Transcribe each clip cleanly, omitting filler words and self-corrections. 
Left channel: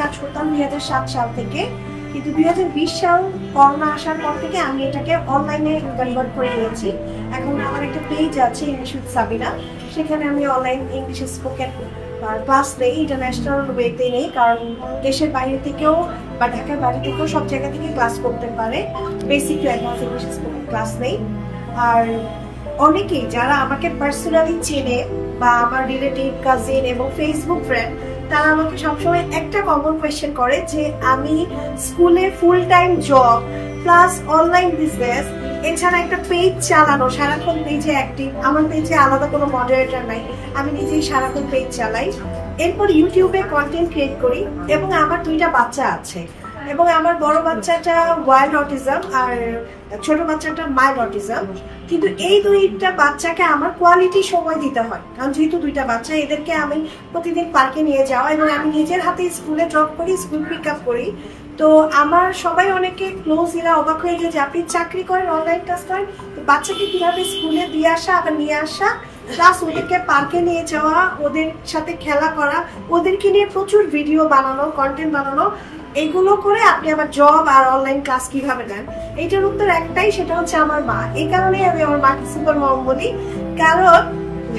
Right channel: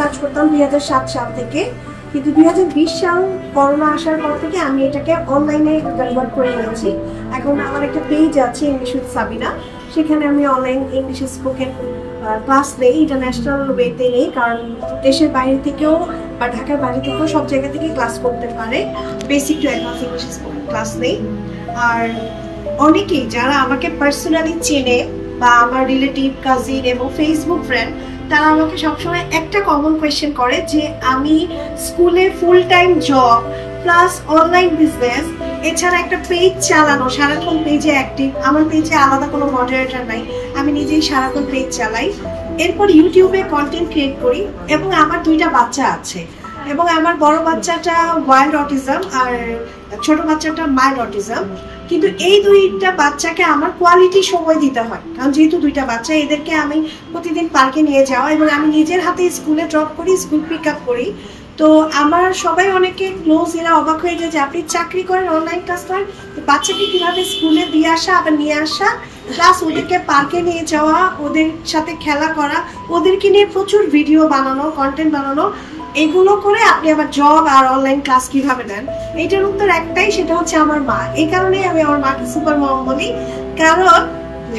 কাজ করতাম 2007 সাল থেকে, কিন্তু 2020 সাল করোনা আসার পর থেকে আমি এটাকে অনলাইনে কনভার্ট করে নিয়েছি। এখন আমার একটা পেজ আছে ইংলিশ উইথ সাবিনা, সেখানে আমি অনলাইন ইংলিশ স্পোকেন ক্লাস নেই, ইন্টারন্যাশনাল ওয়েতে নেই, কারণ দেশের বাইরে থেকেও বা ঢাকার বাইরে থেকেও সব জায়গা থেকে ক্লাস করতে পারে। Basic to advance English spoken class নেই। আর অনেকেই যারা আমাকে পার্সোনালি চেনে বা আমার রিলেটিভ, কাজিন এবং ফেসবুক ফ্রেন্ড, তারা আমাকে সবসময় একটা কমন কোয়েশ্চেন করে যে আমি স্কুলে full time job plus online business এছাড়া একটা পেজ চালানো, সারাক্ষণ পেজে অ্যাক্টিভ, আমার পেজে আলাদা কোনো মডারেটর নাই, আমি নিজেই সারাক্ষণ পেজ চালাই, এরপর ইউটিউবে কন্টেন্ট ক্রিয়েট করি এবং আমার 2টা বাচ্চা আছে এবং আমার বড় বাচ্চাটা ওয়াইল্ড অটিজম আর ছোট বাচ্চাটা মাইল্ড অটিজম। কিন্তু এই 2টা বাচ্চাকে আমার কোয়ালিটি সময় দিতে হয়, কারণ যেহেতু 2টা বাচ্চা, এদেরকে আমি প্রতিদিন পার্কে নিয়ে যাওয়া এবং আমি নিজের হাতে স্কুলে ড্রপ করি, স্কুল পিক আপ করি। তো আমার সবাই অনেকে ক্লোজ, এরা অবাক হয়ে যায় যে আপনি চাকরি করেন, অনলাইন ক্লাস করেন, বাচ্চাকে কিভাবে স্কুলে দিয়ে আসা আবার নিয়ে আসা, প্লাস ওদেরকে পার্কে নিয়ে যাওয়া, ওদের সাথে খেলা করা, ওদেরকে নিয়ে প্রচুর ভিডিও বানানো, কন্টেন্ট বানানো, এগুলো করে আপনি আবার জব আর অনলাইন ক্লাস কিভাবে নেন? এইটার উত্তর একটাই, সেটা হচ্ছে আমার মা। এই কারণেই আমি আমার মাকে সুপার মম বলি, কারণ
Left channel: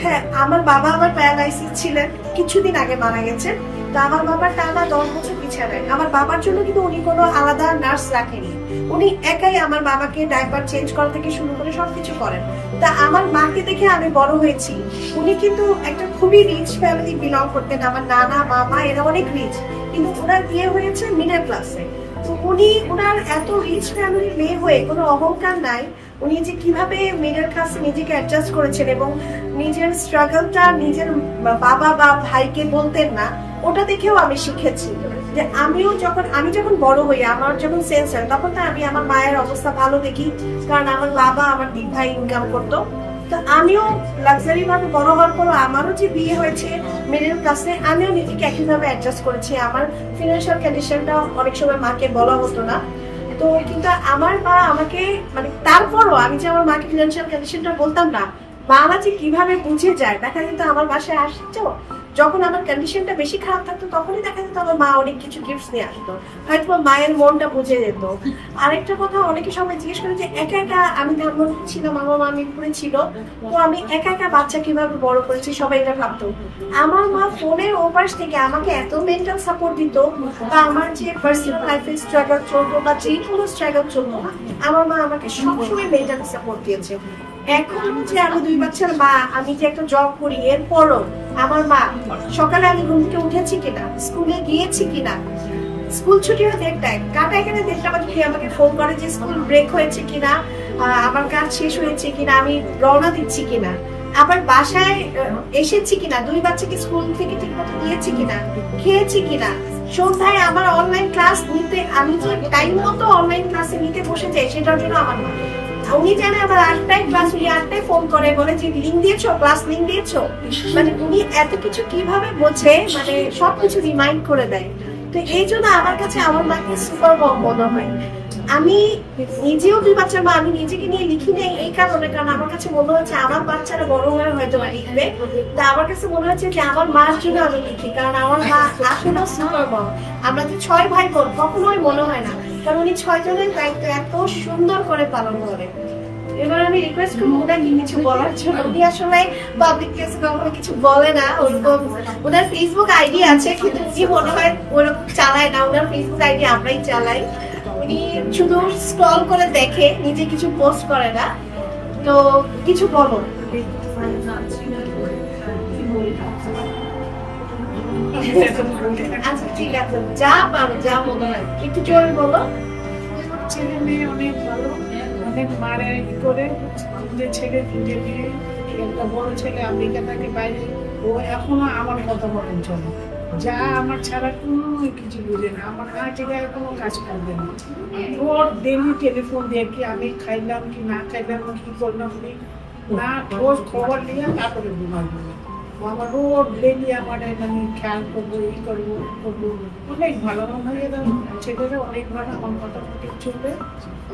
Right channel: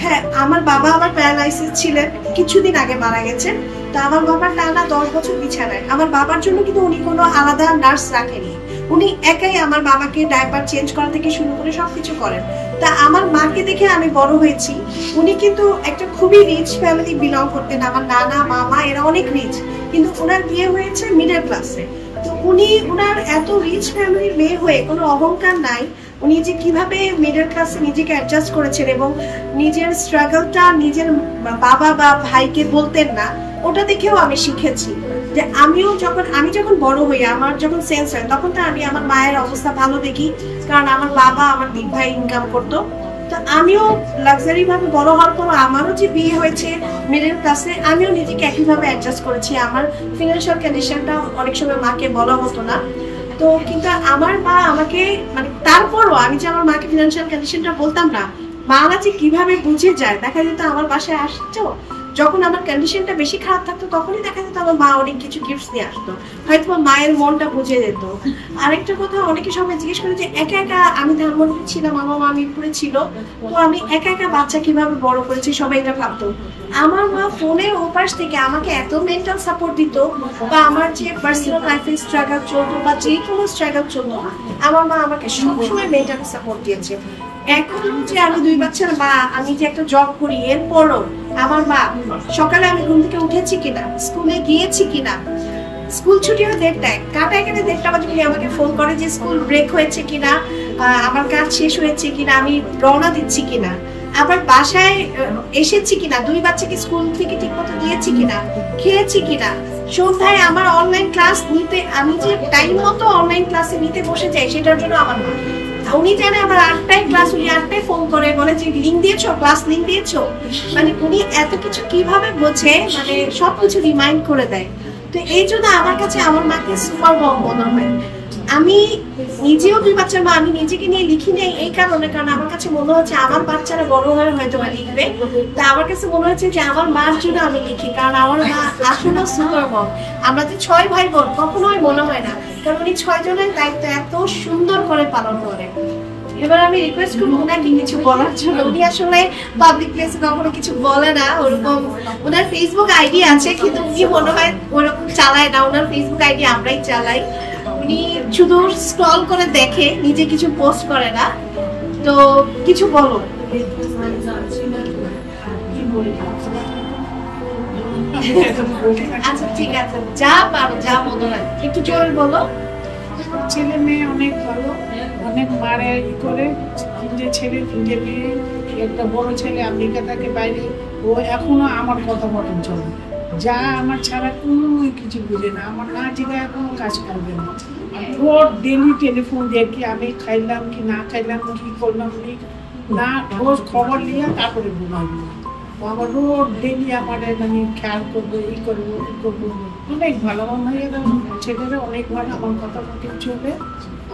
হ্যাঁ, আমার বাবা আমার প্যারালাইসিস ছিলেন, কিছুদিন আগে মারা গেছেন। তো আমার বাবার টানা 10 বছর বিছানায়। আমার বাবার জন্য কিন্তু উনি কোনো আলাদা নার্স রাখেনি, উনি একাই আমার বাবাকে ডায়পার চেঞ্জ করা থেকে শুরু করে সবকিছু করেন। তা আমার মাকে দেখে আমি বড় হয়েছি। উনি কিন্তু একটা খুবই রিচ ফ্যামিলি বিলং করতেন, আমার নানা মামা এরা অনেক রিচ, কিন্তু ওনার বিয়ে হয়েছে মিডল ক্লাসে। তো উনি ওনার এত রিচ ফ্যামিলির মেয়ে হয়ে কোনো অহংকার নাই, উনি যে কিভাবে মিডল ক্লাসে নিজেকে অ্যাডজাস্ট করেছেন এবং নিজের স্ট্রাগলটা নিজের বাবা বা ভাইকে বলতেন না, ওটা দেখেও আমি শিখেছি যে আমি যখন বড় হই, আমার যখন সেন্স হয়, তখন তো আমি আমার মায়ের অবস্থা ভালো দেখি, কারণ আমার বাবা আমার 2 ভাই ইনকাম করতো। তো আমিও লাক্সারি ভাবে বড় হওয়ার পর আমারও যে বিয়ে হয়েছে মিডল ক্লাসে, আমিও নিজেকে একইভাবে অ্যাডজাস্ট করেছি। আমার ফিনান্সিয়াল কন্ডিশনটা অনেক সময় মাকে বলা হতো না, তো কিন্তু আমার মা আমাকে, মানে তারপরও আমি যে আমার মাকে ফিনান্সিয়াল কন্ডিশনটা বলতাম না, মারা যে কিভাবে বুঝে যায়। দেখা যেত আমার বাসায় আসছো, যখন আমার কন্ডিশনটা বেশি খারাপ থাকতো তখনই দেখা যেত আমার মা অনেক কিছু গিফটস নিয়ে আসতো, হয়তো মায়ের মনটা বুঝে যেত। আরেকটা কথা, অনেকে সবাই জিজ্ঞেস করে যে একা একা আমি ধানমন্ডি ছিলাম, আমার মা মিরপুরে ছিল, তো আমি একা একা বাচ্চা কিভাবে বড় করেছি, সবাই এটা ভাবতো। আমার মা ফোনের ওপাশ থেকে আমাকে এত মেন্টাল সাপোর্ট দিত, বা আমার যে পার্সোনাল লাইফে স্ট্রাগল চলতো বা যে কোনো স্ট্রাগল চলতো, আমার মা আমাকে সবসময় মেন্টাল সাপোর্ট দিয়েছে। এখন যে আমি 2 বাচ্চার মা, আমি যে একটা জব করি, এরপরও আমার মা সকালে আমি ঘুম থেকে উঠেছি কিনা, স্কুলে গিয়েছি কিনা, স্কুল ছুটি হয় 1:30, কাটা এখানে 1:30 বাজে আমাকে ফোন করে যে স্কুল ব্রেক হয়েছে কিনা, আমার কাজ শেষ হয়েছে কিনা, আমি রওনা দিচ্ছি কিনা, আবার বাসায় এসেছি কিনা, 2 বাচ্চাকে স্কুল থেকে ঠিক মতো দিয়েছি কিনা, খেয়েছি কিনা, সন্ধ্যায় আমার অনলাইন ক্লাস নিতে, আমি যে টাইম মতো অনলাইন ক্লাসে নিতে বসে যাই, সেটার জন্য আমার মা। উনি জানে আবার 8টায় ক্লাস, উনি 8টায় ফোন করে বলে যে লিঙ্ক দিয়েছো, ক্লাস লিঙ্ক দিয়েছো, মানে উনি এত কিছু কিভাবে বোঝে, মানে সবকিছু রিমাইন্ড করে দেয়। তো এই জন্য আমার কাছে আমার মাকে সুপার মম মনে হয়। আমি নিজেও 2 বাচ্চার মা, আমি নিজেকে নিয়ে লিখি নেই এই কারণে, কারণ আমার কাছে মনে হচ্ছে আমার বাচ্চারা বড় হয়ে হয়তো বা লিখবে, তা আমার কাছে মনে হচ্ছে যে আমার মার জন্য আমি লিখি, কারণ আমার মা আসলে সুপার মম। আমরা যে 6 ভাই বোন, কখনোই মনে হয় না, কারণ উনি 6 জনের দায়িত্ব এত সুন্দর করে পালন করে। এবার আমি রিকোয়েস্ট করবো ওনাকে কিছু বলার জন্য। উনি আসলে পাবলিক প্লেসে কখনো কিছু বলে না, ওরকম ওনার ফেসবুক আইডি আছে, কিন্তু উনি মনে হয় ওরকম চালায় না, ওনার ফেসবুক আইডি আমরাই চালাই। উনি শুধু স্ক্রল করে দেখে, নিজে কিছু পোস্ট করে না। তো কিছু বলো। আচ্ছা ঠিক আছে, যা পারো, যা মনে হয় একটু জোরে বলো। ছেলে মেয়ে অনেক ভালো, অনেক মারে ই করে, 3টে ছেলে 3টে মেয়ে। একটা বড় ছেলে আমেরিকা থাকে বাইরে, ও এখনো আমার কথা মতন চলে, যা আমার ছাড়া কোনো কিছু বুঝে না, আমার না জায়গায় কোনো কাজ করবে না। রোজ ডেলি টেলিফোন দেখি আমি খাইলাম কি না খাইলাম, কি করলাম না, রোজ খবর নিয়ে তারপরে ঘুমাবো। আমার রোজ ডেলি আমার মানে খেয়াল করবো, ই করবো, ই করবো। অনেক ভালো, আমার ছেলেরা অনেক ভালো, আমার কথা মতো চলে,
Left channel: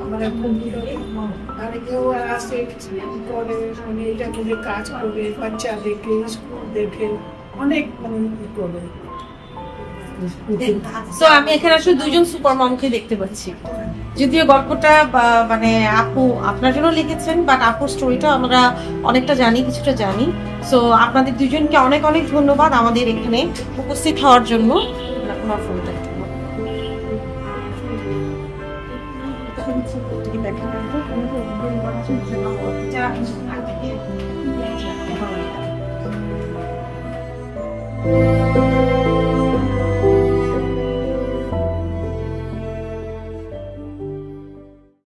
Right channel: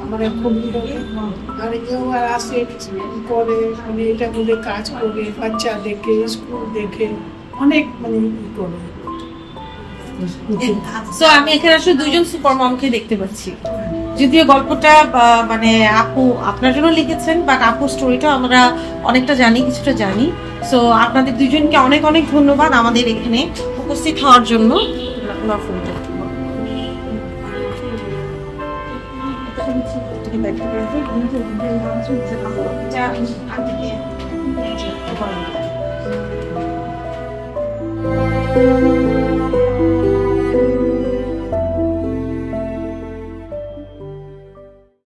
আমার খুব আর কেউ আসে করে, মানে এটা বলে কাজ করে, বাচ্চা দেখে, স্কুল দেখে, অনেক মানে ই করে। সো আমি এখানে আসলে দুইজন সুপার মমকে দেখতে পাচ্ছি। যদিও গল্পটা মানে আপু আপনার জন্য লিখেছেন, বাট আপুর স্টোরিটা আমরা অনেকটা জানি, কিছুটা জানি। সো আপনাদের দুজনকে অনেক অনেক ধন্যবাদ আমাদের এখানে উপস্থিত হওয়ার জন্য। এটা